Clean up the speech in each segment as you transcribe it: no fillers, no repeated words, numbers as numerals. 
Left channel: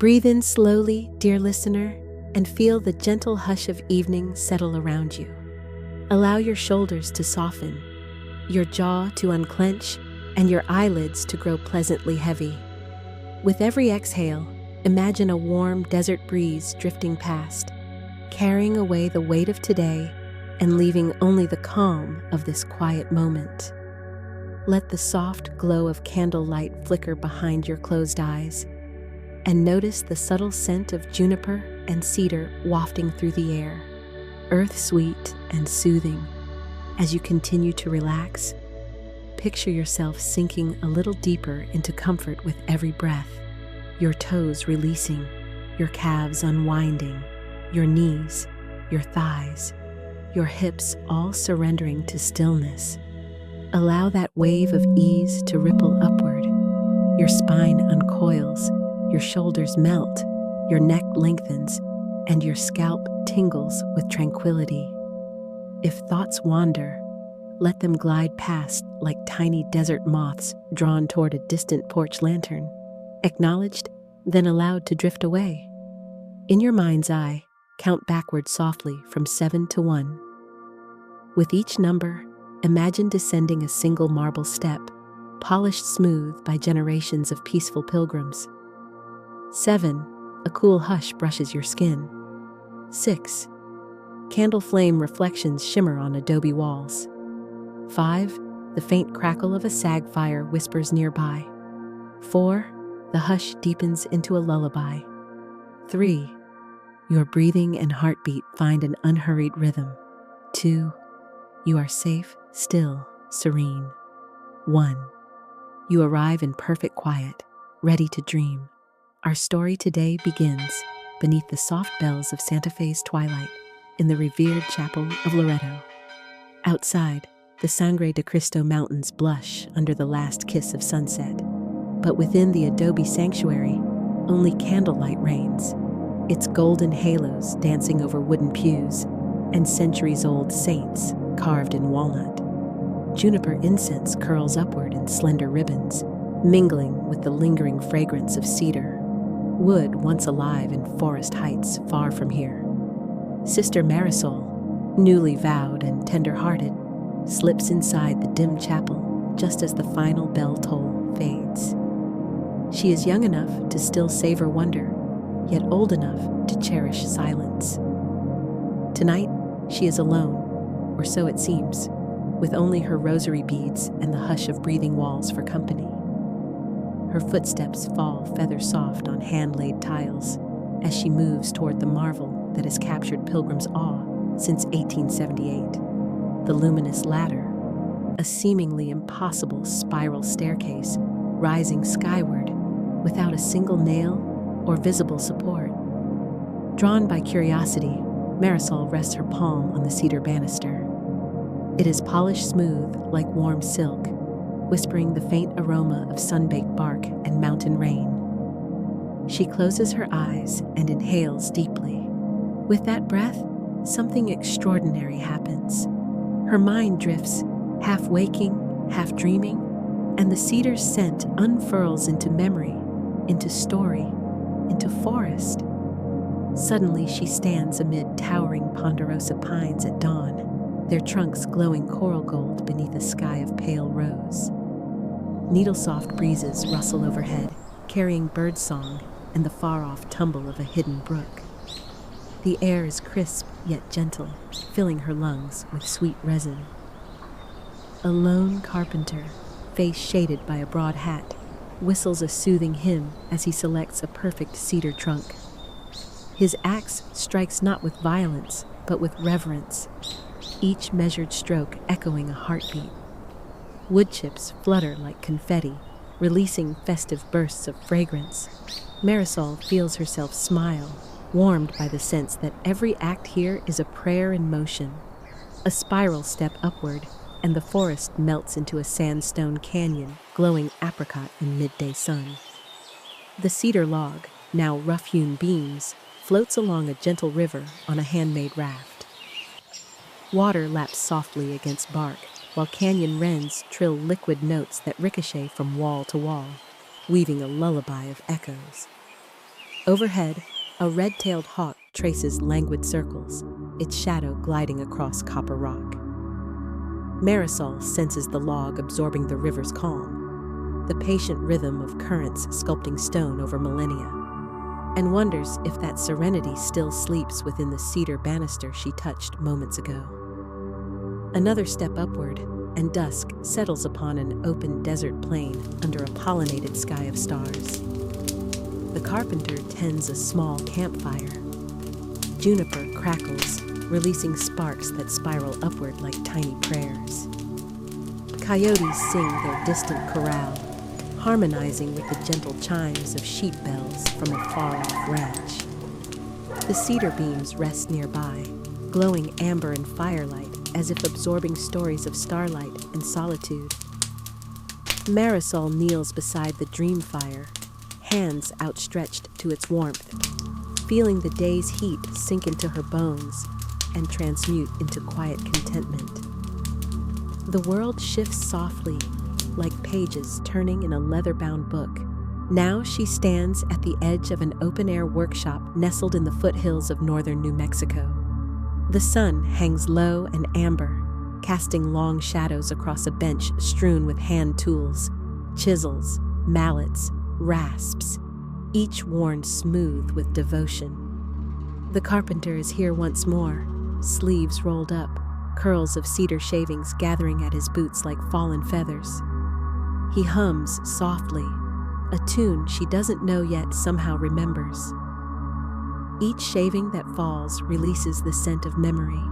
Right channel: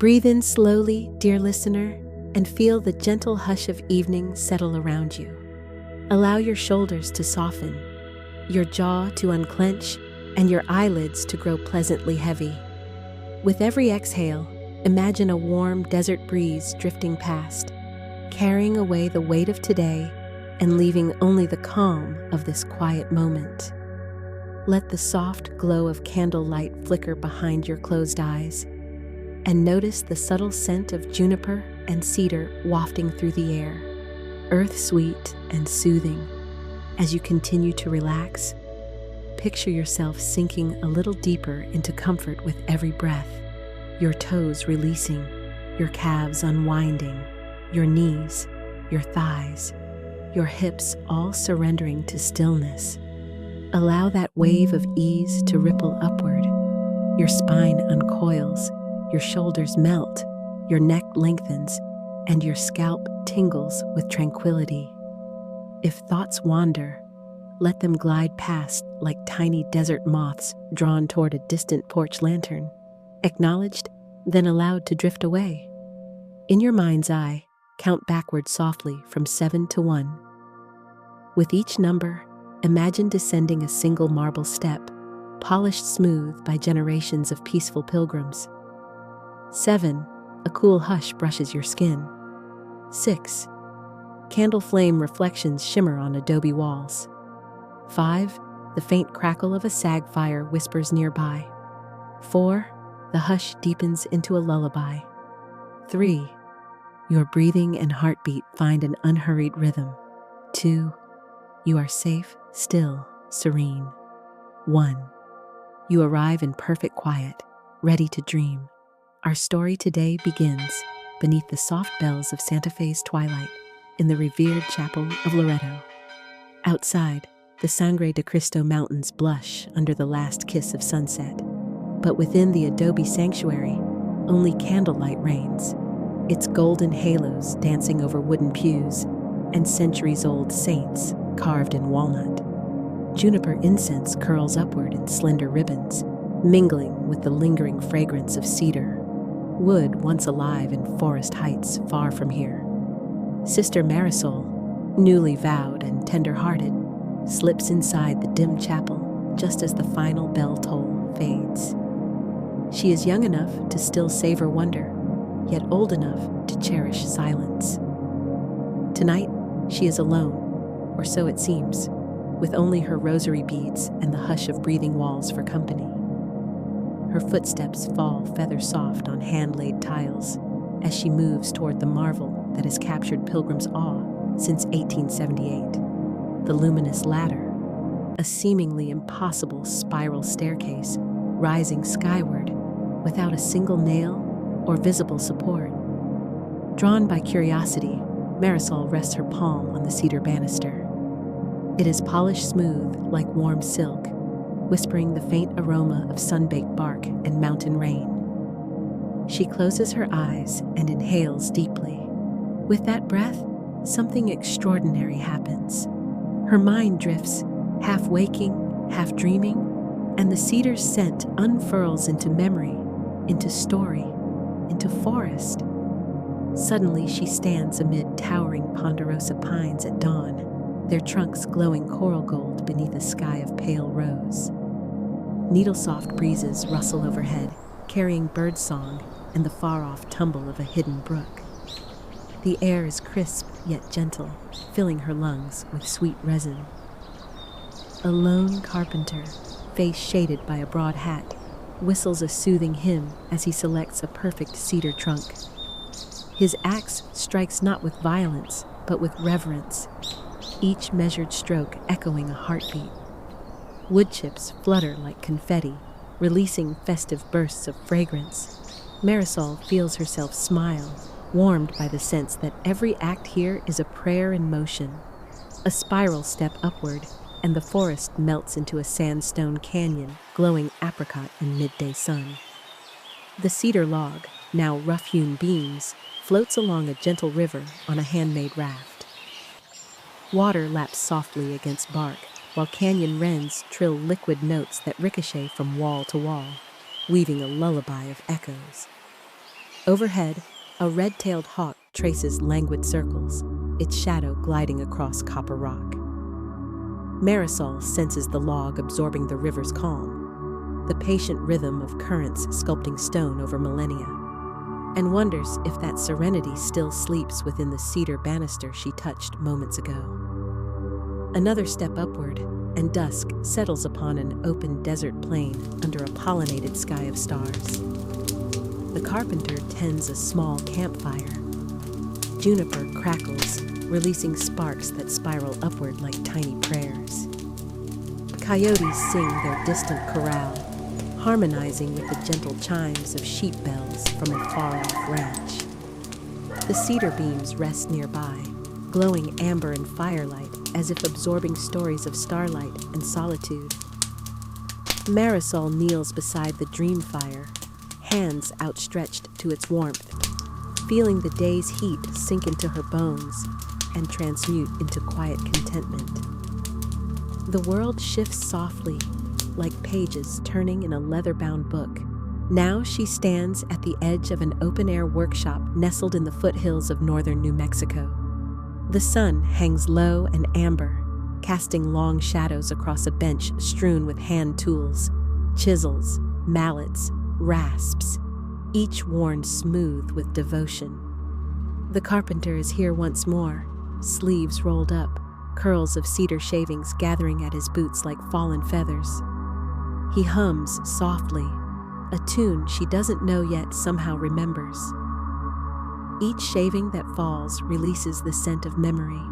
Breathe in slowly, dear listener, and feel the gentle hush of evening settle around you. Allow your shoulders to soften, your jaw to unclench, and your eyelids to grow pleasantly heavy. With every exhale, imagine a warm desert breeze drifting past, carrying away the weight of today and leaving only the calm of this quiet moment. Let the soft glow of candlelight flicker behind your closed eyes, and notice the subtle scent of juniper and cedar wafting through the air, earth-sweet and soothing. As you continue to relax, picture yourself sinking a little deeper into comfort with every breath, your toes releasing, your calves unwinding, your knees, your thighs, your hips all surrendering to stillness. Allow that wave of ease to ripple upward. Your spine uncoils, your shoulders melt, your neck lengthens, and your scalp tingles with tranquility. If thoughts wander, let them glide past like tiny desert moths drawn toward a distant porch lantern, acknowledged, then allowed to drift away. In your mind's eye, count backward softly from 7 to 1. With each number, imagine descending a single marble step, polished smooth by generations of peaceful pilgrims. 7. A cool hush brushes your skin. 6. Candle flame reflections shimmer on adobe walls. 5. The faint crackle of a sag fire whispers nearby. 4. The hush deepens into a lullaby. 3. Your breathing and heartbeat find an unhurried rhythm. 2. You are safe, still, serene. 1. You arrive in perfect quiet, ready to dream. Our story today begins beneath the soft bells of Santa Fe's twilight in the revered chapel of Loretto. Outside, the Sangre de Cristo mountains blush under the last kiss of sunset. But within the adobe sanctuary, only candlelight reigns, its golden halos dancing over wooden pews and centuries-old saints carved in walnut. Juniper incense curls upward in slender ribbons, mingling with the lingering fragrance of cedar, wood once alive in forest heights far from here. Sister Marisol, newly vowed and tender-hearted, slips inside the dim chapel just as the final bell toll fades. She is young enough to still savor wonder, yet old enough to cherish silence. Tonight, she is alone, or so it seems, with only her rosary beads and the hush of breathing walls for company. Her footsteps fall feather-soft on hand-laid tiles as she moves toward the marvel that has captured pilgrims' awe since 1878, the Luminous ladder, a seemingly impossible spiral staircase rising skyward without a single nail or visible support. Drawn by curiosity, Marisol rests her palm on the cedar banister. It is polished smooth like warm silk, whispering the faint aroma of sun-baked bark and mountain rain. She closes her eyes and inhales deeply. With that breath, something extraordinary happens. Her mind drifts, half waking, half dreaming, and the cedar's scent unfurls into memory, into story, into forest. Suddenly she stands amid towering ponderosa pines at dawn, their trunks glowing coral gold beneath a sky of pale rose. Needle-soft breezes rustle overhead, carrying birdsong and the far-off tumble of a hidden brook. The air is crisp yet gentle, filling her lungs with sweet resin. A lone carpenter, face shaded by a broad hat, whistles a soothing hymn as he selects a perfect cedar trunk. His axe strikes not with violence, but with reverence, each measured stroke echoing a heartbeat. Wood chips flutter like confetti, releasing festive bursts of fragrance. Marisol feels herself smile, warmed by the sense that every act here is a prayer in motion. A spiral step upward, and the forest melts into a sandstone canyon glowing apricot in midday sun. The cedar log, now rough-hewn beams, floats along a gentle river on a handmade raft. Water laps softly against bark, while canyon wrens trill liquid notes that ricochet from wall to wall, weaving a lullaby of echoes. Overhead, a red-tailed hawk traces languid circles, its shadow gliding across copper rock. Marisol senses the log absorbing the river's calm, the patient rhythm of currents sculpting stone over millennia, and wonders if that serenity still sleeps within the cedar banister she touched moments ago. Another step upward, and dusk settles upon an open desert plain under a pollinated sky of stars. The carpenter tends a small campfire. Juniper crackles, releasing sparks that spiral upward like tiny prayers. Coyotes sing their distant chorale, harmonizing with the gentle chimes of sheep bells from a far-off ranch. The cedar beams rest nearby, glowing amber and firelight as if absorbing stories of starlight and solitude. Marisol kneels beside the dream fire, hands outstretched to its warmth, feeling the day's heat sink into her bones and transmute into quiet contentment. The world shifts softly, like pages turning in a leather-bound book. Now she stands at the edge of an open-air workshop nestled in the foothills of northern New Mexico. The sun hangs low and amber, casting long shadows across a bench strewn with hand tools, chisels, mallets, rasps, each worn smooth with devotion. The carpenter is here once more, sleeves rolled up, curls of cedar shavings gathering at his boots like fallen feathers. He hums softly, a tune she doesn't know yet somehow remembers. Each shaving that falls releases the scent of memory,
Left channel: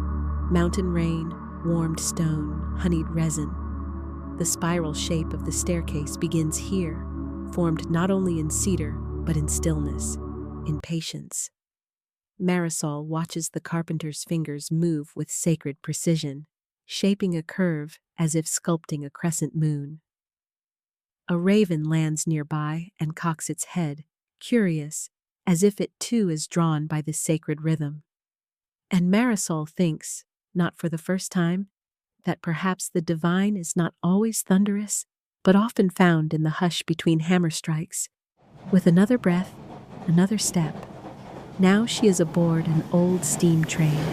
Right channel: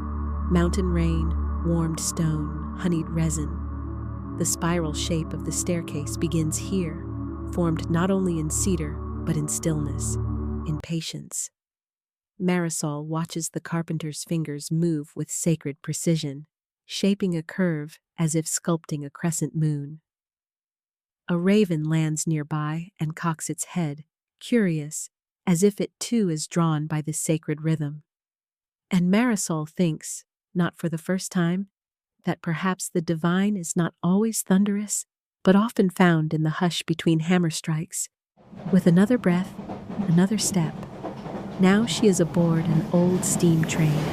mountain rain, warmed stone, honeyed resin. The spiral shape of the staircase begins here, formed not only in cedar, but in stillness, in patience. Marisol watches the carpenter's fingers move with sacred precision, shaping a curve as if sculpting a crescent moon. A raven lands nearby and cocks its head, curious, as if it too is drawn by this sacred rhythm. And Marisol thinks, not for the first time, that perhaps the divine is not always thunderous, but often found in the hush between hammer strikes. With another breath, another step. Now she is aboard an old steam train,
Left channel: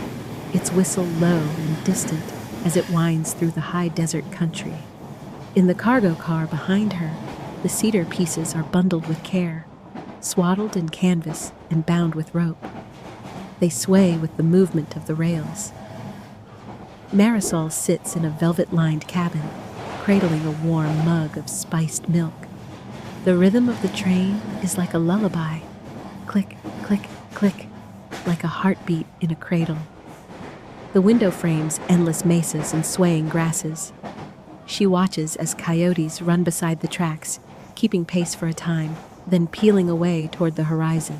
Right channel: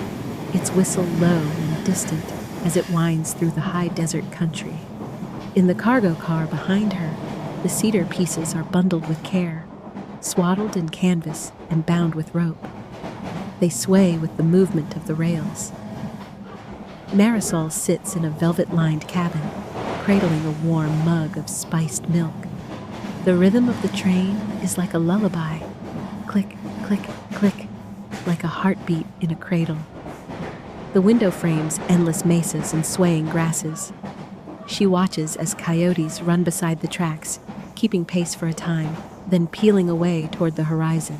its whistle low and distant as it winds through the high desert country. In the cargo car behind her, the cedar pieces are bundled with care, swaddled in canvas and bound with rope. They sway with the movement of the rails. Marisol sits in a velvet-lined cabin, cradling a warm mug of spiced milk. The rhythm of the train is like a lullaby. Click, click, click, like a heartbeat in a cradle. The window frames endless mesas and swaying grasses. She watches as coyotes run beside the tracks, keeping pace for a time, then peeling away toward the horizon.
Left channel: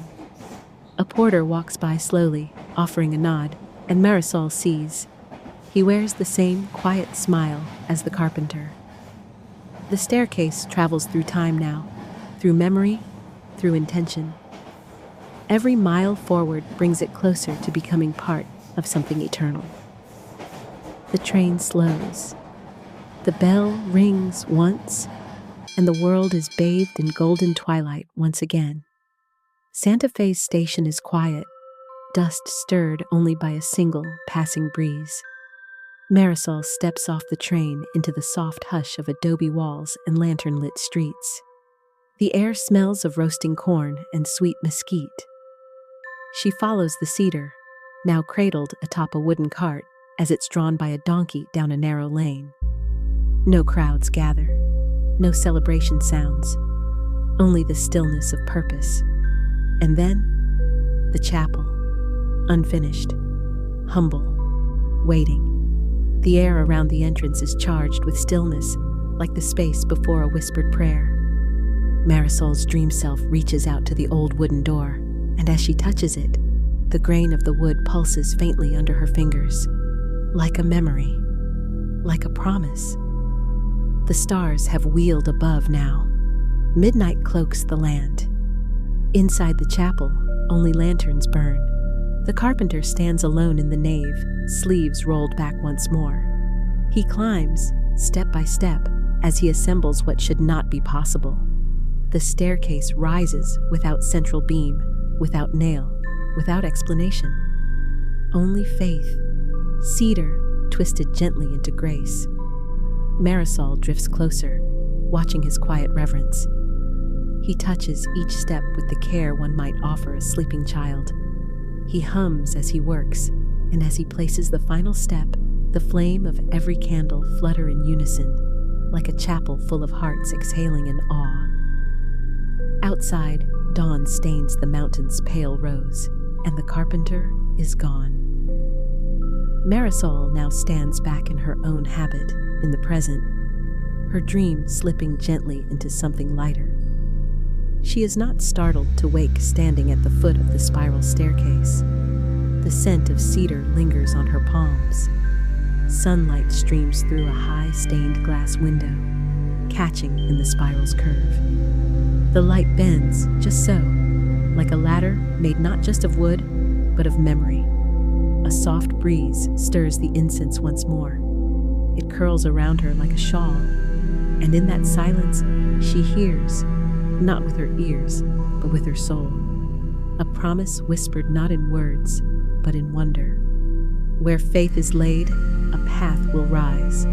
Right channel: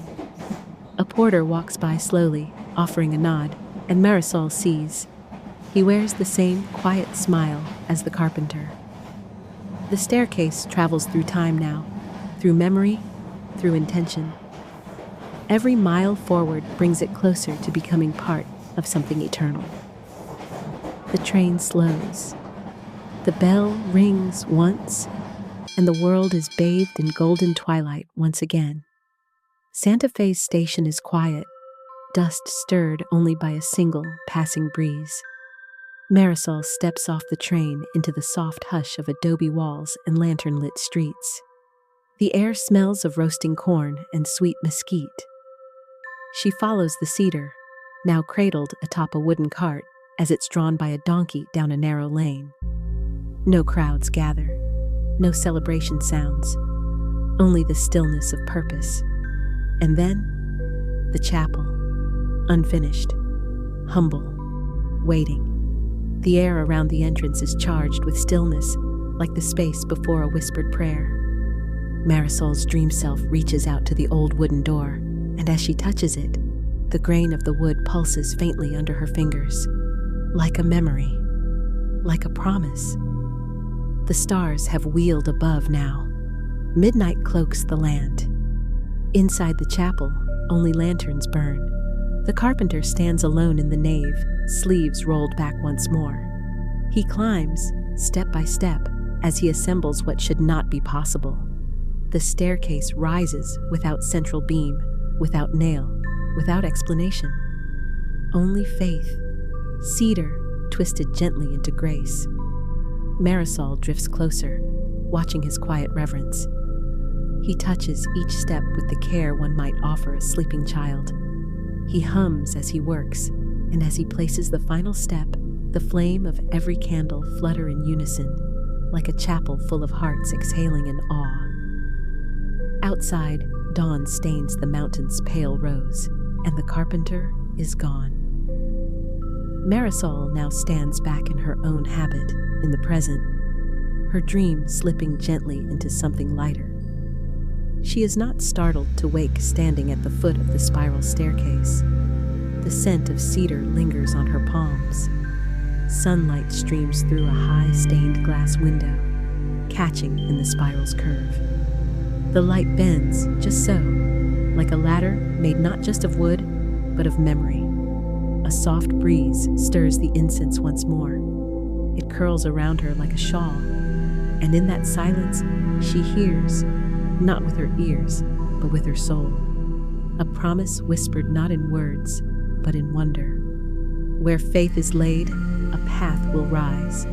A porter walks by slowly, offering a nod, and Marisol sees. He wears the same quiet smile as the carpenter. The staircase travels through time now, through memory, through intention. Every mile forward brings it closer to becoming part of something eternal. The train slows. The bell rings once, and the world is bathed in golden twilight once again. Santa Fe's station is quiet, dust stirred only by a single passing breeze. Marisol steps off the train into the soft hush of adobe walls and lantern-lit streets. The air smells of roasting corn and sweet mesquite. She follows the cedar, now cradled atop a wooden cart as it's drawn by a donkey down a narrow lane. No crowds gather, no celebration sounds, only the stillness of purpose. And then, the chapel, unfinished, humble, waiting. The air around the entrance is charged with stillness, like the space before a whispered prayer. Marisol's dream self reaches out to the old wooden door, and as she touches it, the grain of the wood pulses faintly under her fingers, like a memory, like a promise. The stars have wheeled above now. Midnight cloaks the land. Inside the chapel, only lanterns burn. The carpenter stands alone in the nave, sleeves rolled back once more. He climbs, step by step, as he assembles what should not be possible. The staircase rises without central beam, without nail, without explanation. Only faith. Cedar twisted gently into grace. Marisol drifts closer, watching his quiet reverence. He touches each step with the care one might offer a sleeping child. He hums as he works, and as he places the final step, the flame of every candle flutter in unison, like a chapel full of hearts exhaling in awe. Outside, dawn stains the mountain's pale rose, and the carpenter is gone. Marisol now stands back in her own habit, in the present, her dream slipping gently into something lighter. She is not startled to wake standing at the foot of the spiral staircase. The scent of cedar lingers on her palms. Sunlight streams through a high stained glass window, catching in the spiral's curve. The light bends just so, like a ladder made not just of wood, but of memory. A soft breeze stirs the incense once more. It curls around her like a shawl, and in that silence she hears, not with her ears, but with her soul, a promise whispered not in words, but in wonder. Where faith is laid, a path will rise.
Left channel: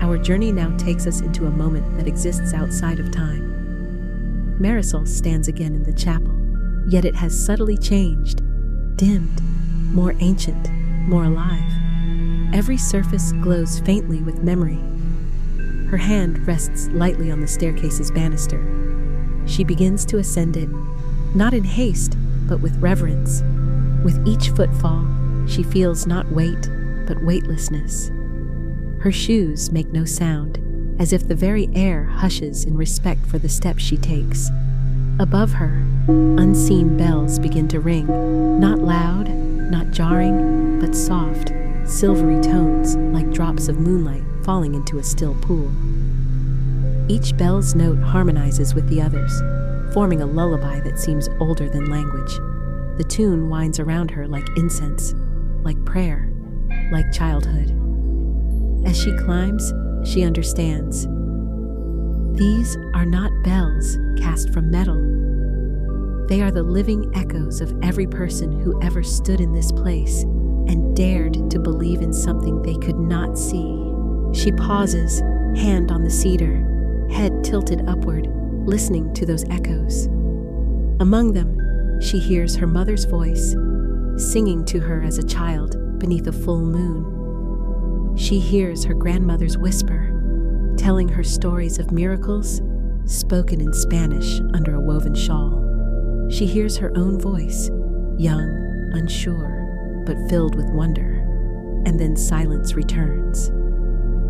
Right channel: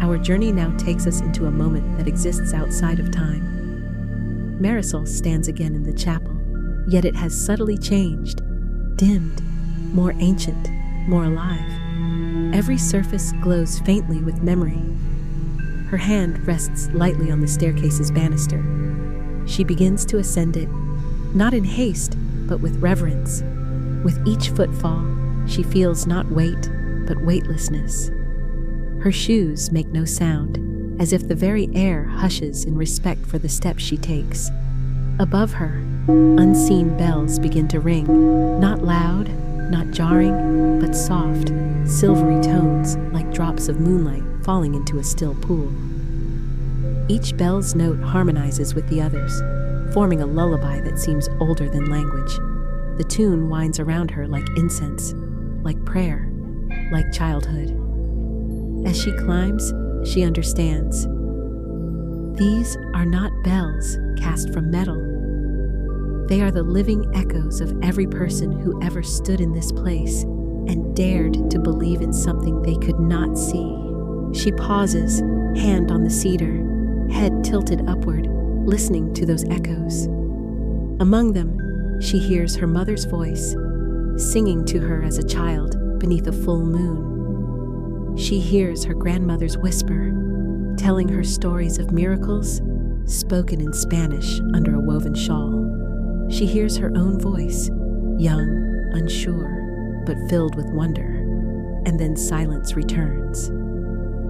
Our journey now takes us into a moment that exists outside of time. Marisol stands again in the chapel, yet it has subtly changed, dimmed, more ancient, more alive. Every surface glows faintly with memory. Her hand rests lightly on the staircase's banister. She begins to ascend it, not in haste, but with reverence. With each footfall, she feels not weight, but weightlessness. Her shoes make no sound, as if the very air hushes in respect for the steps she takes. Above her, unseen bells begin to ring, not loud, not jarring, but soft, silvery tones like drops of moonlight falling into a still pool. Each bell's note harmonizes with the others, forming a lullaby that seems older than language. The tune winds around her like incense, like prayer, like childhood. As she climbs, she understands. These are not bells cast from metal. They are the living echoes of every person who ever stood in this place and dared to believe in something they could not see. She pauses, hand on the cedar, head tilted upward, listening to those echoes. Among them, she hears her mother's voice, singing to her as a child beneath a full moon. She hears her grandmother's whisper, telling her stories of miracles spoken in Spanish under a woven shawl. She hears her own voice, young, unsure, but filled with wonder. And then silence returns.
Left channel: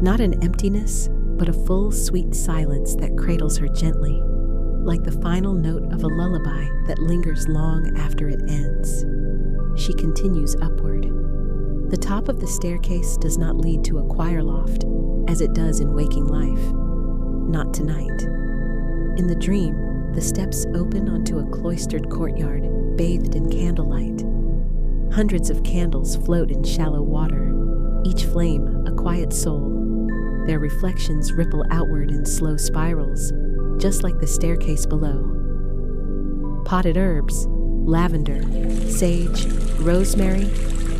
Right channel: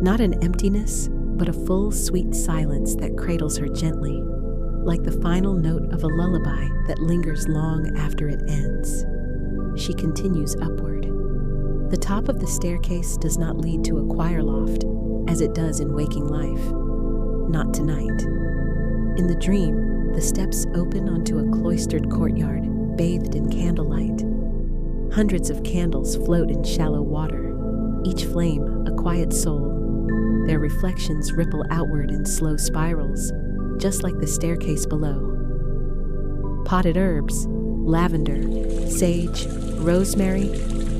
Not an emptiness, but a full, sweet silence that cradles her gently, like the final note of a lullaby that lingers long after it ends. She continues upward. The top of the staircase does not lead to a choir loft, as it does in waking life. Not tonight. In the dream, the steps open onto a cloistered courtyard, bathed in candlelight. Hundreds of candles float in shallow water, each flame a quiet soul. Their reflections ripple outward in slow spirals, just like the staircase below. Potted herbs, lavender, sage, rosemary,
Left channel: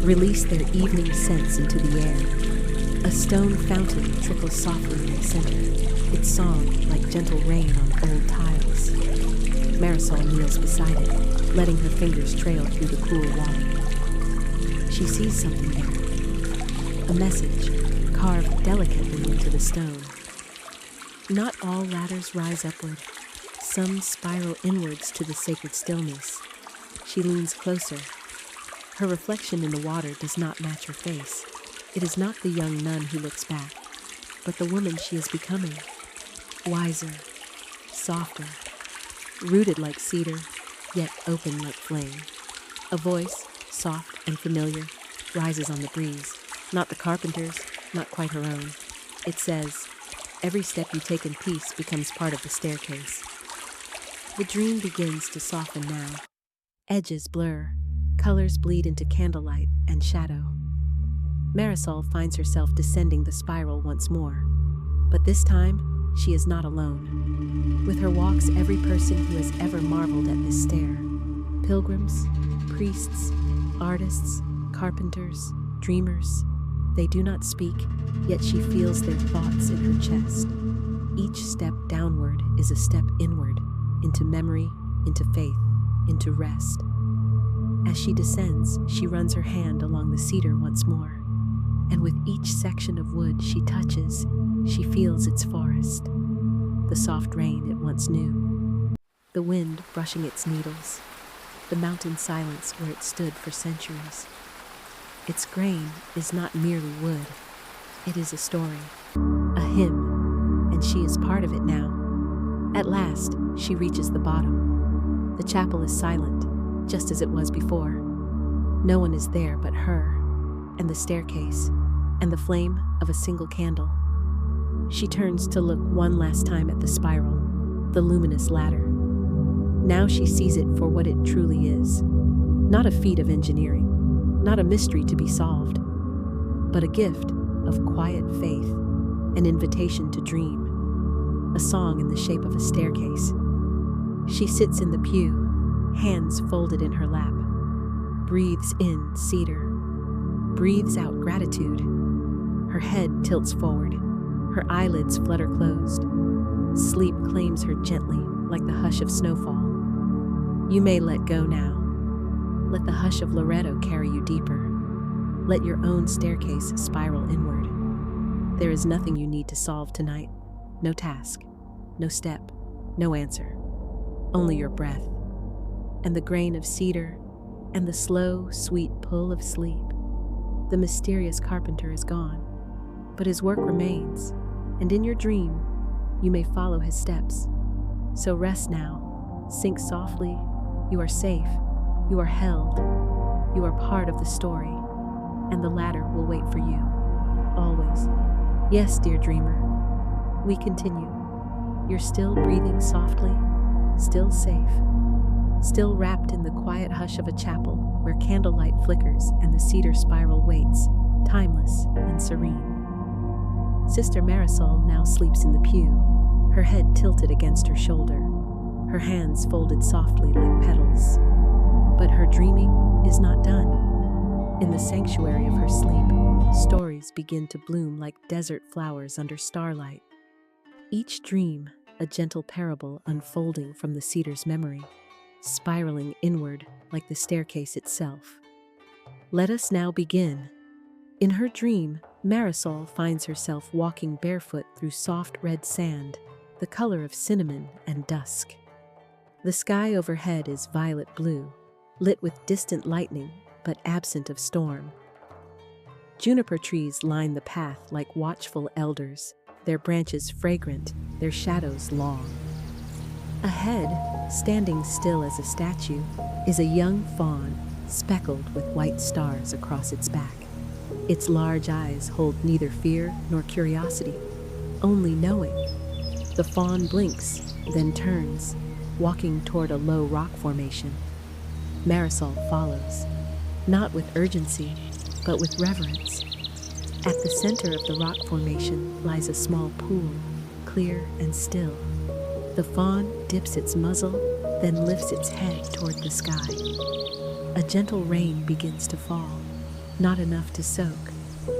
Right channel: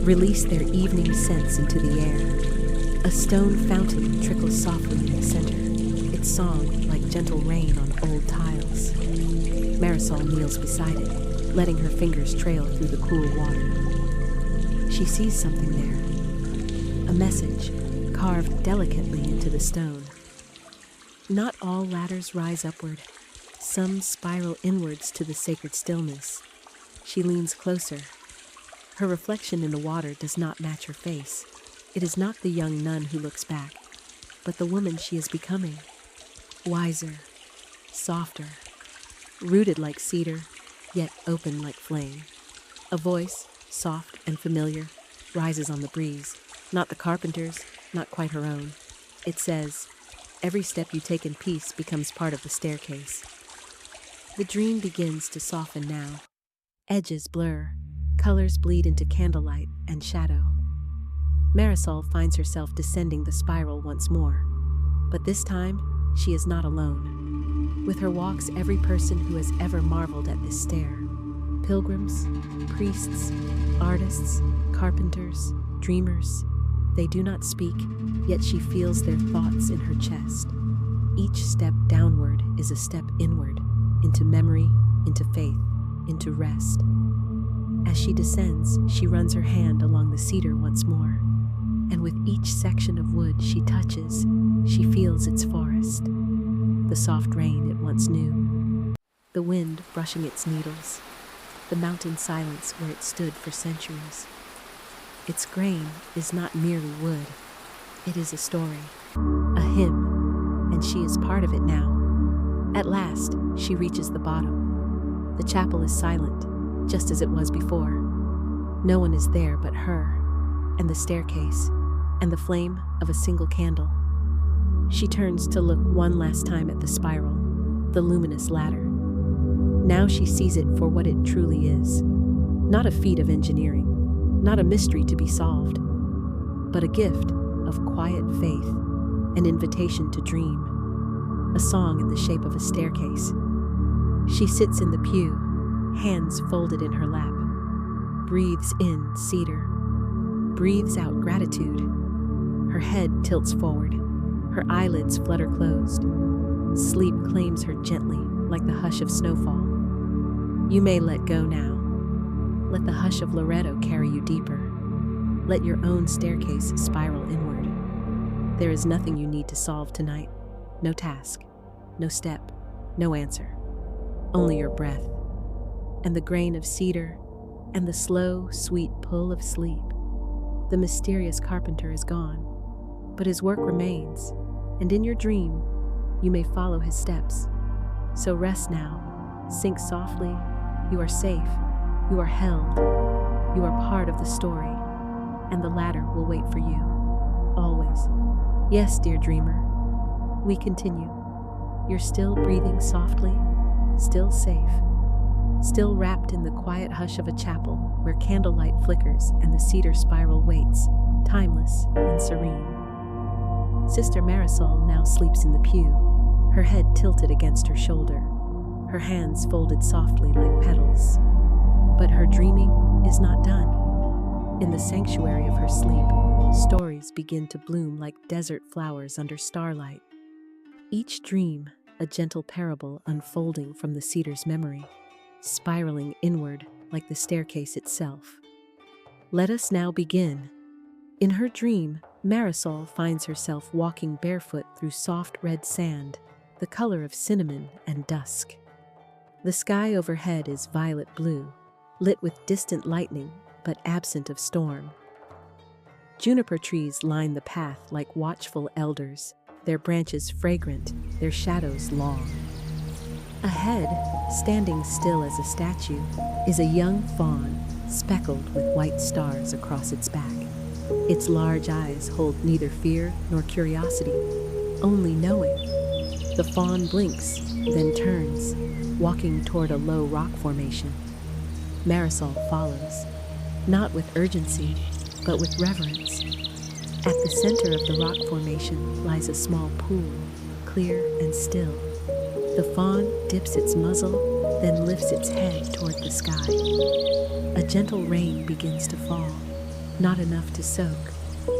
release their evening scents into the air. A stone fountain trickles softly in the center, its song like gentle rain on old tiles. Marisol kneels beside it, letting her fingers trail through the cool water. She sees something there, a message carved delicately into the stone. Not all ladders rise upward. Some spiral inwards to the sacred stillness. She leans closer. Her reflection in the water does not match her face. It is not the young nun who looks back, but the woman she is becoming. Wiser, softer, rooted like cedar, yet open like flame. A voice, soft and familiar, rises on the breeze. Not the carpenter's, not quite her own. It says, "Every step you take in peace becomes part of the staircase." The dream begins to soften now. Edges blur, colors bleed into candlelight and shadow. Marisol finds herself descending the spiral once more, but this time she is not alone. With her walks every person who has ever marveled at this stair. Pilgrims, priests, artists, carpenters, dreamers, they do not speak, yet she feels their thoughts in her chest. Each step downward is a step inward, into memory, into faith, into rest. As she descends, she runs her hand along the cedar once more, and with each section of wood she touches, she feels its forest, the soft rain it once knew, the wind brushing its needles, the mountain silence where it stood for centuries. Its grain is not merely wood, it is a story, a hymn, and she is part of it now. At last, she reaches the bottom. The chapel is silent, just as it was before. No one is there but her, and the staircase, and the flame of a single candle. She turns to look one last time at the spiral, the luminous ladder. Now she sees it for what it truly is. Not a feat of engineering, not a mystery to be solved, but a gift of quiet faith, an invitation to dream, a song in the shape of a staircase. She sits in the pew, hands folded in her lap, breathes in cedar, breathes out gratitude. Her head tilts forward, her eyelids flutter closed. Sleep claims her gently, like the hush of snowfall. You may let go now. Let the hush of Loretto carry you deeper. Let your own staircase spiral inward. There is nothing you need to solve tonight. No task, no step, no answer. Only your breath, and the grain of cedar, and the slow, sweet pull of sleep. The mysterious carpenter is gone, but his work remains, and in your dream, you may follow his steps. So rest now, sink softly. You are safe, you are held, you are part of the story, and the ladder will wait for you, always. Yes, dear dreamer, we continue. You're still breathing softly, still safe, still wrapped in the quiet hush of a chapel where candlelight flickers and the cedar spiral waits, timeless and serene. Sister Marisol now sleeps in the pew, her head tilted against her shoulder, her hands folded softly like petals. But her dreaming is not done. In the sanctuary of her sleep, stories begin to bloom like desert flowers under starlight. Each dream, a gentle parable unfolding from the cedar's memory, spiraling inward like the staircase itself. Let us now begin. In her dream, Marisol finds herself walking barefoot through soft red sand, the color of cinnamon and dusk. The sky overhead is violet blue, lit with distant lightning, but absent of storm. Juniper trees line the path like watchful elders, their branches fragrant, their shadows long. Ahead, standing still as a statue, is a young fawn, speckled with white stars across its back. Its large eyes hold neither fear nor curiosity, only knowing. The fawn blinks, then turns, walking toward a low rock formation. Marisol follows, not with urgency, but with reverence. At the center of the rock formation lies a small pool, clear and still. The fawn dips its muzzle, then lifts its head toward the sky. A gentle rain begins to fall, not enough to soak,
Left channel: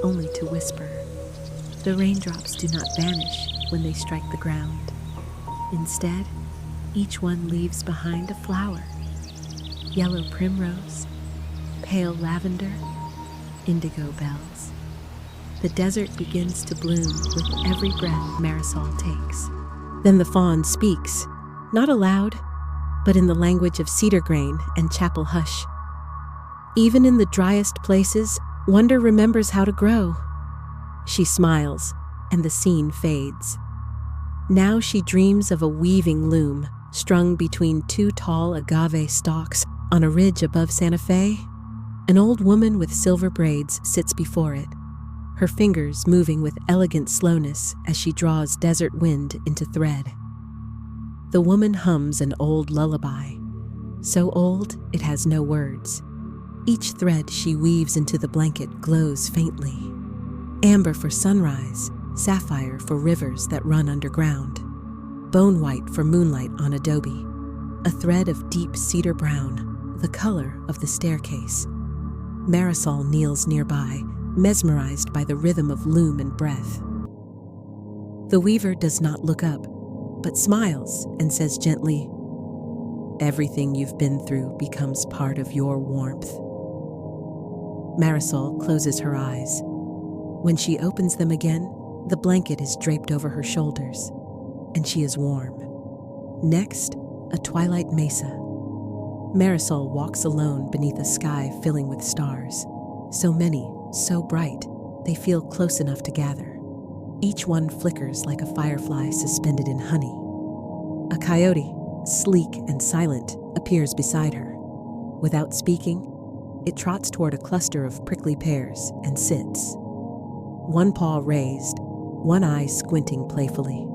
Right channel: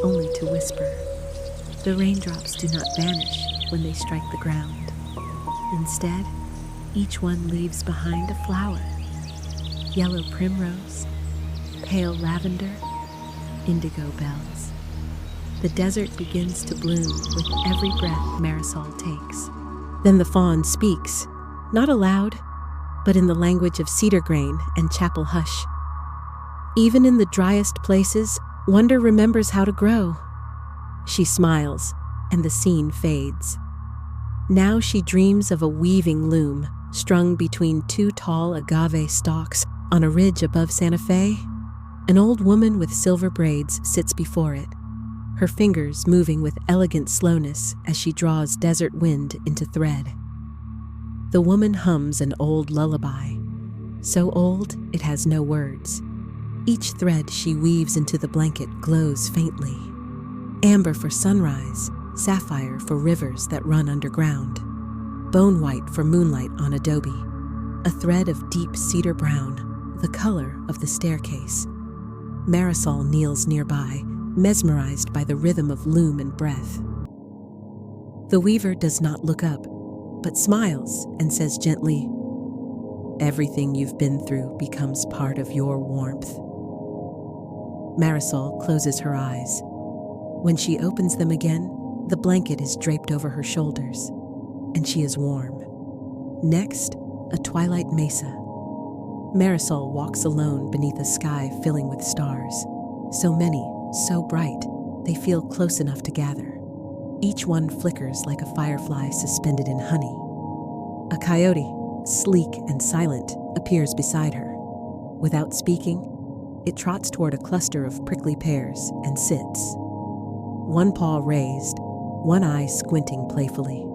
only to whisper. The raindrops do not vanish when they strike the ground. Instead, each one leaves behind a flower. Yellow primrose, pale lavender, indigo bells. The desert begins to bloom with every breath Marisol takes. Then the fawn speaks, not aloud, but in the language of cedar grain and chapel hush. Even in the driest places, wonder remembers how to grow. She smiles, and the scene fades. Now she dreams of a weaving loom, strung between two tall agave stalks on a ridge above Santa Fe. An old woman with silver braids sits before it, her fingers moving with elegant slowness as she draws desert wind into thread. The woman hums an old lullaby, so old it has no words. Each thread she weaves into the blanket glows faintly. Amber for sunrise, sapphire for rivers that run underground, bone white for moonlight on adobe, a thread of deep cedar brown, the color of the staircase. Marisol kneels nearby, mesmerized by the rhythm of loom and breath. The weaver does not look up, but smiles and says gently, "Everything you've been through becomes part of your warmth." Marisol closes her eyes. When she opens them again, the blanket is draped over her shoulders, and she is warm. Next, a twilight mesa. Marisol walks alone beneath a sky filling with stars. So many, so bright, they feel close enough to gather. Each one flickers like a firefly suspended in honey. A coyote, sleek and silent, appears beside her. Without speaking, it trots toward a cluster of prickly pears and sits. One paw raised, one eye squinting playfully.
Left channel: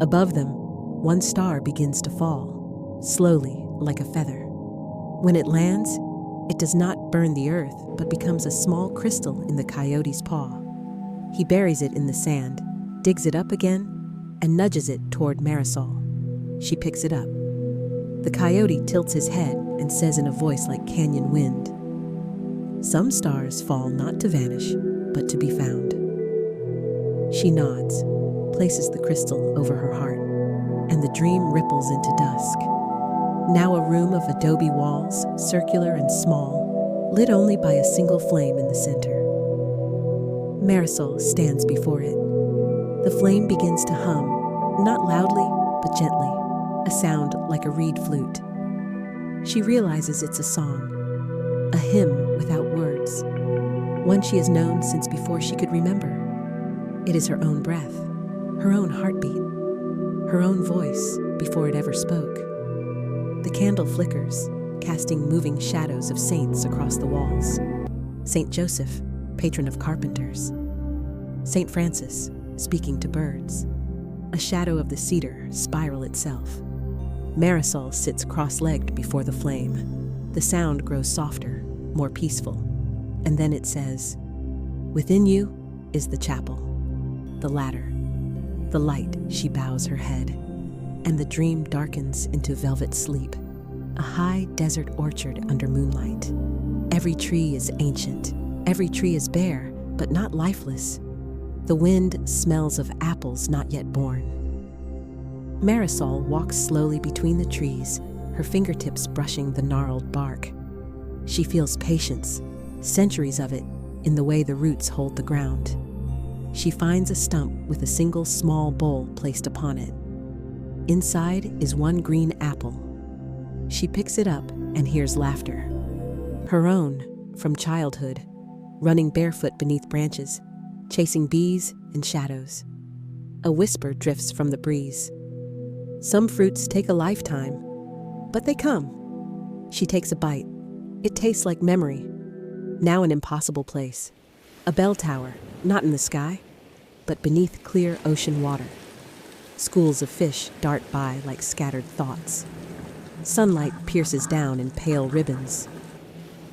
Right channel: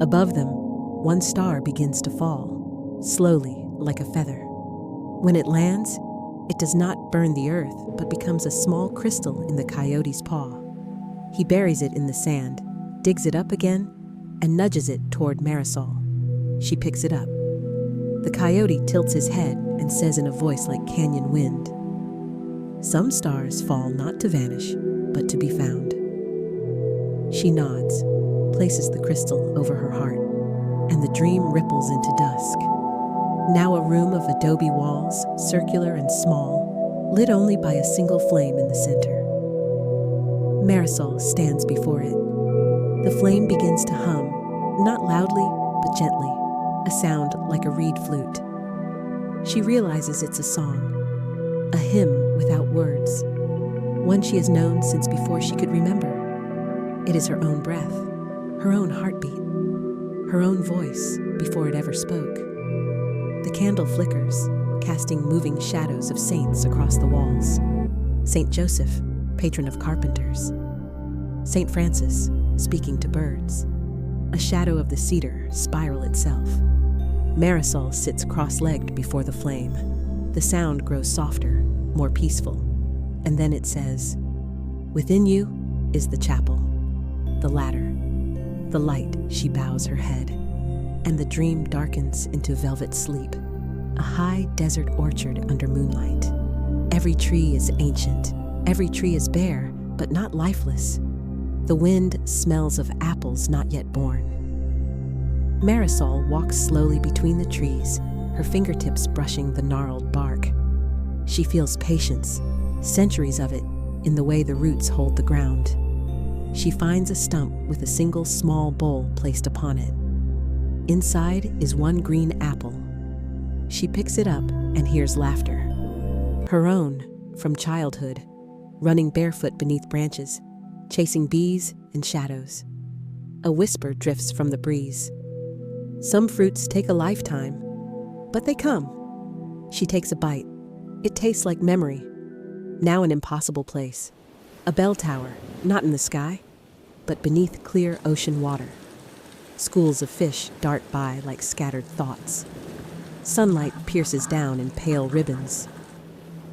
Above them, one star begins to fall, slowly like a feather. When it lands, it does not burn the earth, but becomes a small crystal in the coyote's paw. He buries it in the sand, digs it up again, and nudges it toward Marisol. She picks it up. The coyote tilts his head and says in a voice like canyon wind, "Some stars fall not to vanish, but to be found." She nods, places the crystal over her heart, and the dream ripples into dusk. Now a room of adobe walls, circular and small, lit only by a single flame in the center. Marisol stands before it. The flame begins to hum, not loudly, but gently, a sound like a reed flute. She realizes it's a song, a hymn without words, one she has known since before she could remember. It is her own breath, her own heartbeat, her own voice before it ever spoke. The candle flickers, casting moving shadows of saints across the walls. Saint Joseph, patron of carpenters. Saint Francis, speaking to birds. A shadow of the cedar spiral itself. Marisol sits cross-legged before the flame. The sound grows softer, more peaceful. And then it says, "Within you is the chapel, the ladder, the light." She bows her head, and the dream darkens into velvet sleep, a high desert orchard under moonlight. Every tree is ancient, every tree is bare, but not lifeless. The wind smells of apples not yet born. Marisol walks slowly between the trees, her fingertips brushing the gnarled bark. She feels patience, centuries of it, in the way the roots hold the ground. She finds a stump with a single small bowl placed upon it. Inside is one green apple. She picks it up and hears laughter. Her own, from childhood, running barefoot beneath branches, chasing bees and shadows. A whisper drifts from the breeze. Some fruits take a lifetime, but they come. She takes a bite. It tastes like memory. Now an impossible place. A bell tower, not in the sky, but beneath clear ocean water. Schools of fish dart by like scattered thoughts. Sunlight pierces down in pale ribbons.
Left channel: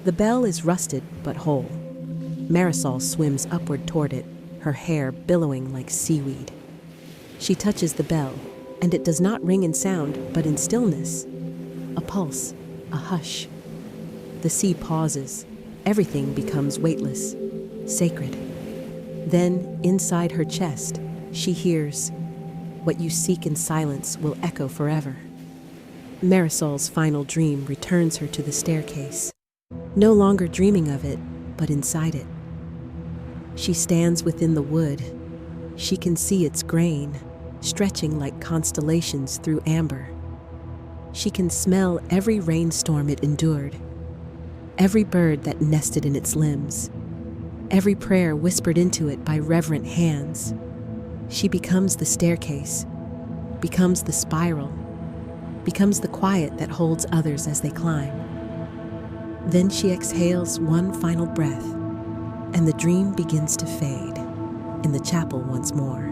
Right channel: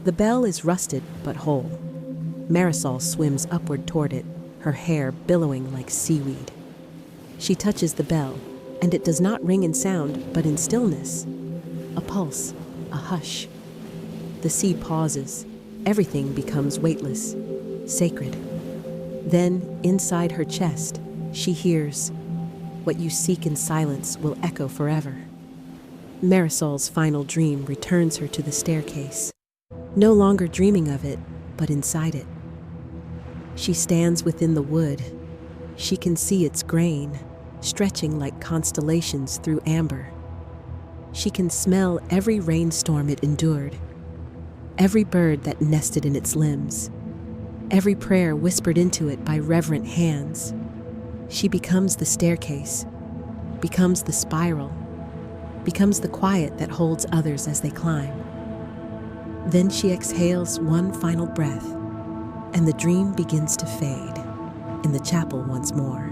The bell is rusted but whole. Marisol swims upward toward it, her hair billowing like seaweed. She touches the bell, and it does not ring in sound, but in stillness. A pulse, a hush. The sea pauses. Everything becomes weightless, sacred. Then, inside her chest, she hears, "What you seek in silence will echo forever." Marisol's final dream returns her to the staircase, no longer dreaming of it, but inside it. She stands within the wood. She can see its grain, stretching like constellations through amber. She can smell every rainstorm it endured, every bird that nested in its limbs, every prayer whispered into it by reverent hands. She becomes the staircase, becomes the spiral, becomes the quiet that holds others as they climb. Then she exhales one final breath, and the dream begins to fade in the chapel once more.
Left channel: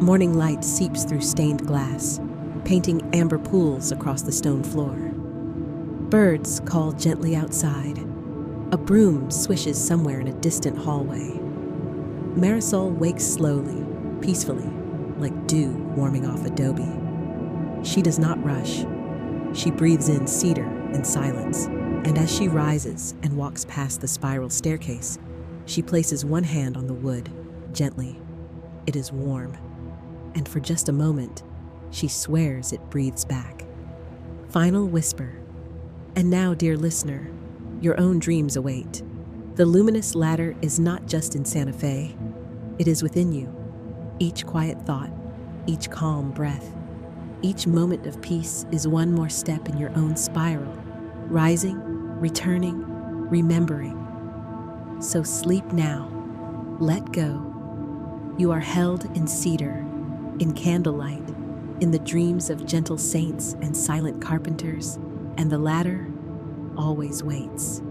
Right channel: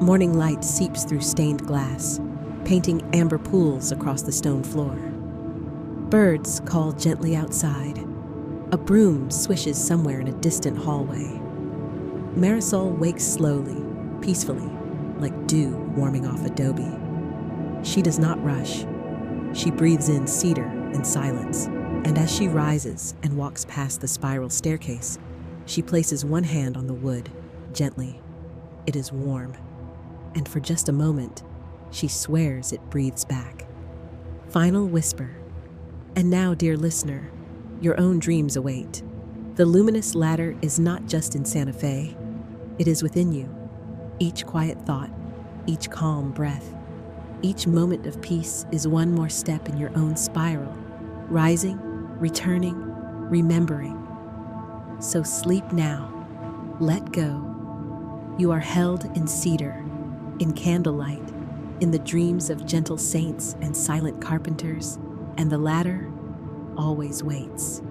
Morning light seeps through stained glass, painting amber pools across the stone floor. Birds call gently outside. A broom swishes somewhere in a distant hallway. Marisol wakes slowly, peacefully, like dew warming off adobe. She does not rush. She breathes in cedar and silence. And as she rises and walks past the spiral staircase, she places one hand on the wood, gently. It is warm, and for just a moment, she swears it breathes back. Final whisper. And now, dear listener, your own dreams await. The luminous ladder is not just in Santa Fe, it is within you. Each quiet thought, each calm breath, each moment of peace is one more step in your own spiral, rising, returning, remembering. So sleep now, let go. You are held in cedar, in candlelight, in the dreams of gentle saints and silent carpenters, and the ladder always waits.